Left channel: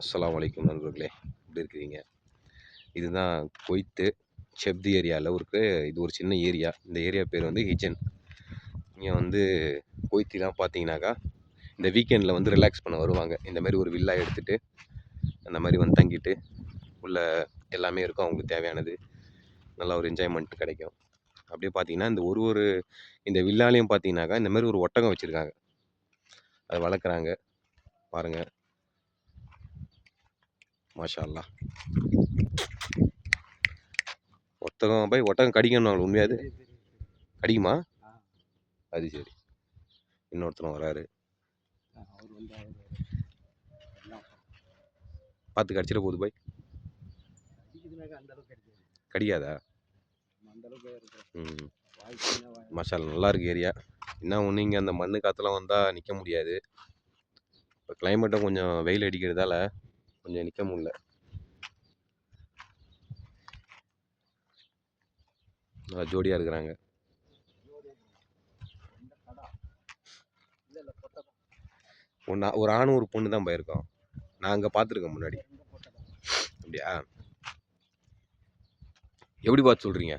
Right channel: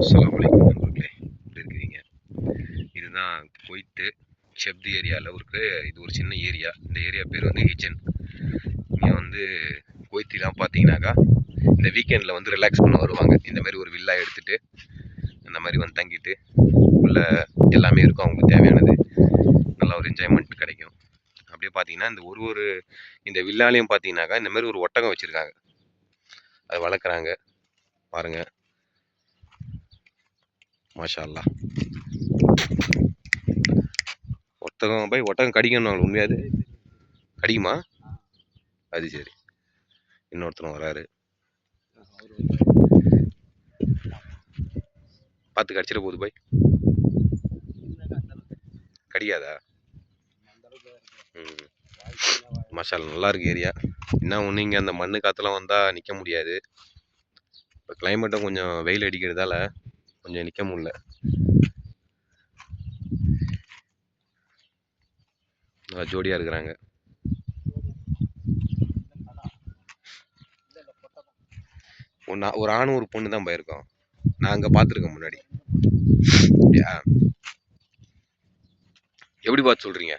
அஸ்ஸலாமு அலைக்கும் நண்பர்களே, எப்படி இருக்கிறீங்க? இதுதான் குவைத்து செப்தி ஏரியாவில் இருக்கு. இது ஒரு சின்ன ஏரியா. இந்த ஏரியா பேர் வந்து ஹிஜன். இங்கே வந்து குவைத்திலாம் பார்த்தீங்கன்னாக்கா இந்த வீக்கெண்டில் வந்து ரிலாக்ஸ் பண்ண வருவாங்க. இந்த மாதிரி ஒரு வில்லா எடுத்துகிட்டு அந்த மாதிரி வந்து தங்கிட்டு உள்ள எல்லாமே இருக்கும் அவங்களுக்கு தேவையானது. நல்லா ஒரு என்ஜாய்மெண்ட் கிடைக்கும். அப்படியே பார்த்தீங்கன்னா இந்த ஒரு இந்த வில்லாலையும் பார்த்தீங்கன்னாக்கா இந்த மாதிரி ஒரு ஒட்டகம் வச்சுருக்காங்க. அதை வளர்க்குறாங்க பாருங்கள். மாஷா அல்லாஹ். ஒட்டகம் கடிக்கணும் உண்மையாது கடிக்குமா? அது சரி. இன்னொருத்தரும் வராரு. பார்த்து கடிச்சிட போகுது பாய். கடிக்காதா? ம். மசாலா நல்லா இருக்கு ஏரியா. என்ன ஒன்று இங்கே அந்த மண்ணு காற்றுலாம் வந்தால் நிற்க முடியாது. இப்போ கிளைமேட்டும் கொஞ்சம் வெயில் அடிக்கிறதால கொஞ்சம் நிற்க முடியல. நல்லா ஜோடியாக இருக்கிறாங்க. ஒரு ஆணும் ஒரு பொண்ணு தான் போயிருக்கோம். நான் அங்கே பார்த்துருக்கேன் முன்னாடி. அப்படியா? எப்படி பார்த்து சொல்கிறீங்க?